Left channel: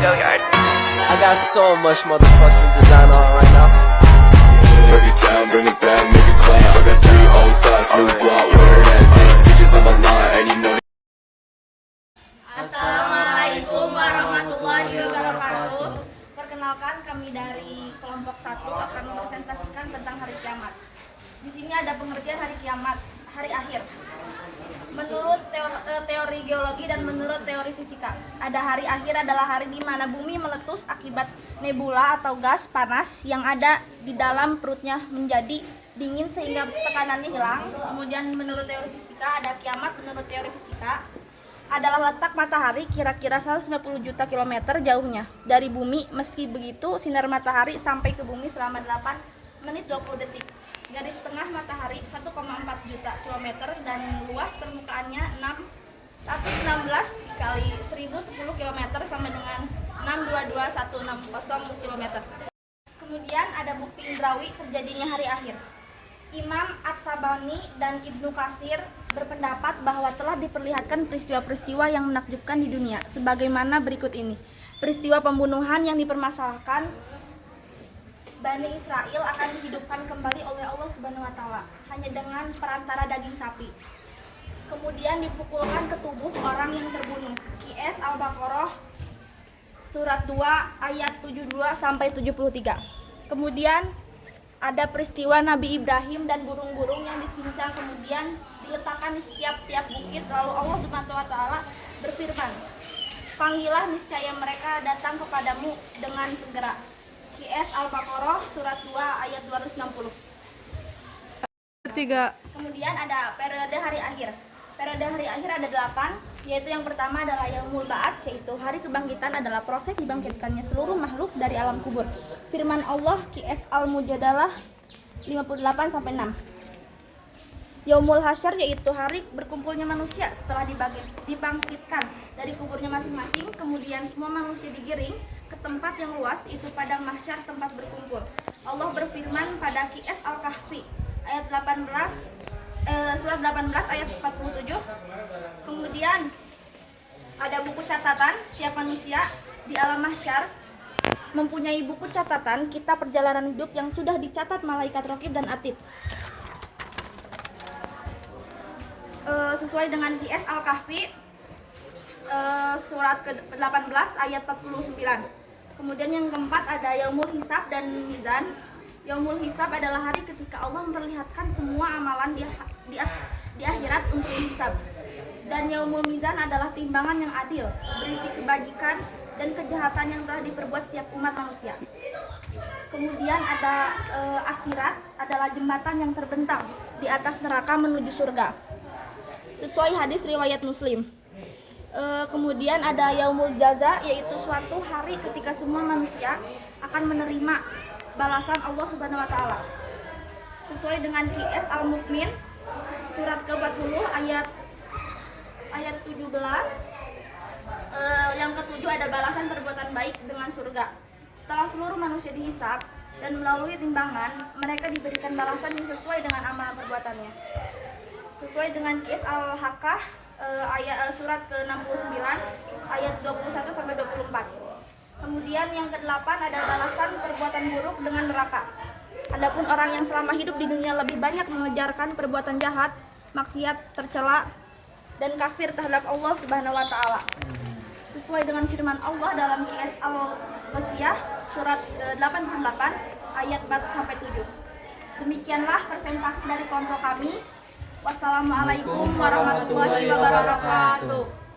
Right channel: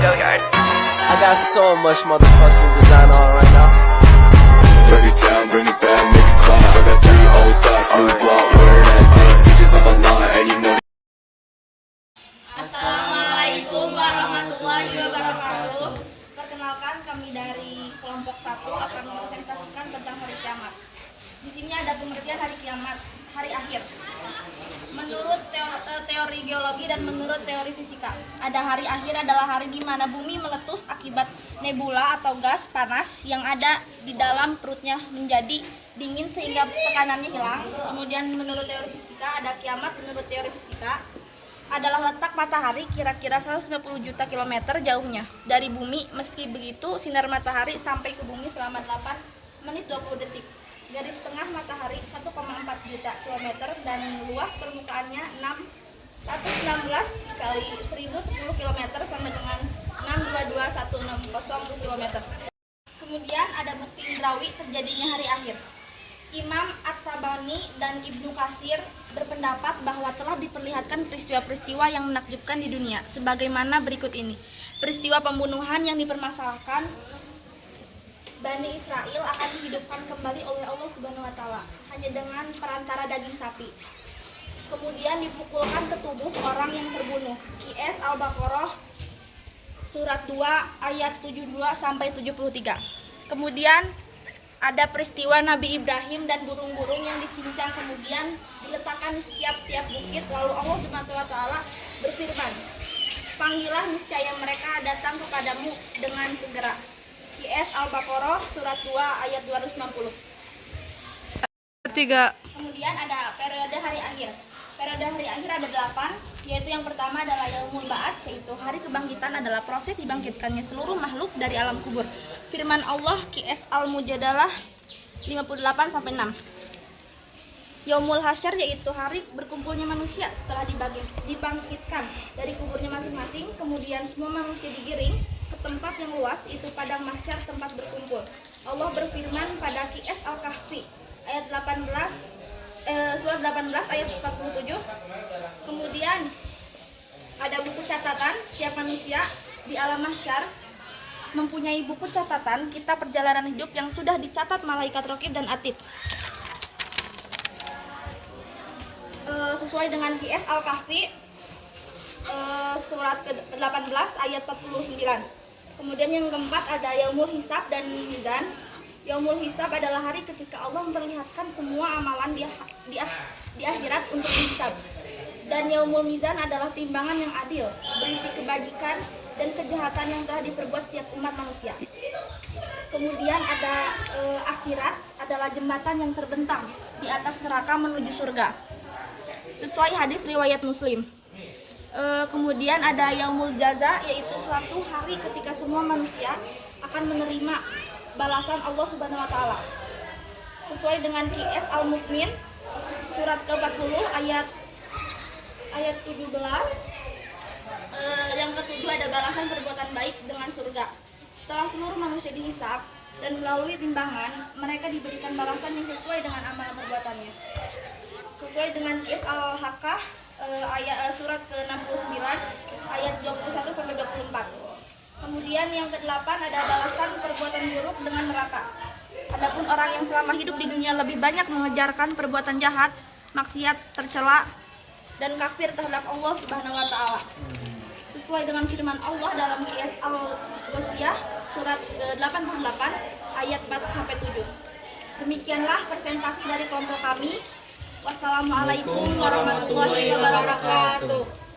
Go yard. I got so much motherfucking design on right now. Break it down, bring it back, make it clap. I got 3 old thoughts, new guap, where that thing. Bitches on my line, and you know. Assalamualaikum warahmatullahi wabarakatuh. Perkenalkan, kami dari kelompok 1 akan mempresentasikan tentang hari kiamat. Di sini ada pengertian hari kiamat, hari akhir. Menurut teori geologi dan menurut teori fisika, ada hari akhir adalah hari di mana bumi meletus akibat nebula atau gas panas yang ada di dalam perutnya menjadi dingin sehingga tekanannya hilang. Kemudian menurut teori fisika ada kiamat. Menurut teori fisika adalah letak matahari kira-kira 190 juta kilometer jauhnya dari bumi. Meski begitu, sinar matahari sampai ke bumi selama 8 menit 20 detik. Garis tengah matahari 1,4 juta kilometer dan luas permukaannya 616 kali 1010 km sampai dengan 622.160 km. Kemudian ada bukti indrawi terjadinya hari akhir. Imam At-Tabani dan Ibnu Katsir berpendapat bahwa telah diperlihatkan peristiwa-peristiwa yang menakjubkan di dunia sebagaimana berikut ini. Peristiwa pembunuhan yang dipermasalahkan Bani Israel akan dihidupkan kembali oleh Allah Subhanahu wa taala hanya dengan perantara daging sapi. Kemudian dipukulkan ke tubuh orang yang terbunuh. QS Al-Baqarah surat 2 ayat 72 sampai 73. Kemudian ada peristiwa Nabi Ibrahim dan burung-burung yang dicincang kemudian diletakkan di setiap tiap bukit. Lalu Allah Subhanahu wa taala berfirman, "Panggillah, niscaya mereka datang kepadamu dengan segera." QS Al-Baqarah surat 2 ayat 260. Kemudian ada periode hari akhir. Periode hari akhir ada 8, yaitu yang pertama adalah Yaumul Ba'ats, yaitu hari kebangkitan adalah proses dibangkitkannya seluruh makhluk dari alam kubur. Firman Allah QS Al-Mujadalah 58 sampai 6. Yaumul Hasyr yaitu hari berkumpulnya manusia setelah dibangkitkan dari kuburnya masing-masing, kemudian semua manusia digiring ke tempat yang luas, itu padang mahsyar, tempat berkumpul. Allah berfirman pada QS Al-Kahfi ayat 18 surat 18 ayat 47. Kemudian ada buku catatan. Setiap manusia di alam mahsyar mempunyai buku catatan kitab perjalanan hidup yang sudah dicatat malaikat Raqib dan Atid. Sesuai dengan QS Al-Kahfi surat ke-18 ayat 49. Kemudian yang keempat ada Yaumul Hisab dan Mizan. Yaumul Hisab adalah hari ketika Allah memperlihatkan semua amalan di akhirat untuk dihisab. Dan Yaumul Mizan adalah timbangan yang adil, berisi kebajikan dan kejahatan yang telah diperbuat setiap umat manusia. Kemudian ada Asirat, adalah jembatan yang terbentang di atas neraka menuju surga, sesuai hadis riwayat Muslim. Kemudian ada Yaumul Jaza, yaitu suatu hari ketika semua manusia akan menerima balasan Allah Subhanahu wa taala. Sesuai dengan QS Al-Mu'min surat ke-40 ayat 17. Yang ketujuh ada balasan perbuatan baik dengan surga. Setelah seluruh manusia dihisab dan melalui timbangan, mereka diberikan balasan yang sesuai dengan amal perbuatannya. Sesuai dengan QS Al-Haqqah ayat surat ke-69 ayat 21 sampai 24. Kemudian yang ke-8 ada balasan perbuatan buruk dengan neraka. Adapun orang yang selama hidup di dunia lebih banyak mengejarkan perbuatan jahat, maksiat, tercela dan kafir terhadap Allah Subhanahu wa taala. Sesuai dengan firman Allah dalam QS Al-Ghasyiyah surat ke-88 ayat 4 sampai 7. Demikianlah presentasi dari kelompok kami. Wassalamualaikum warahmatullahi wabarakatuh.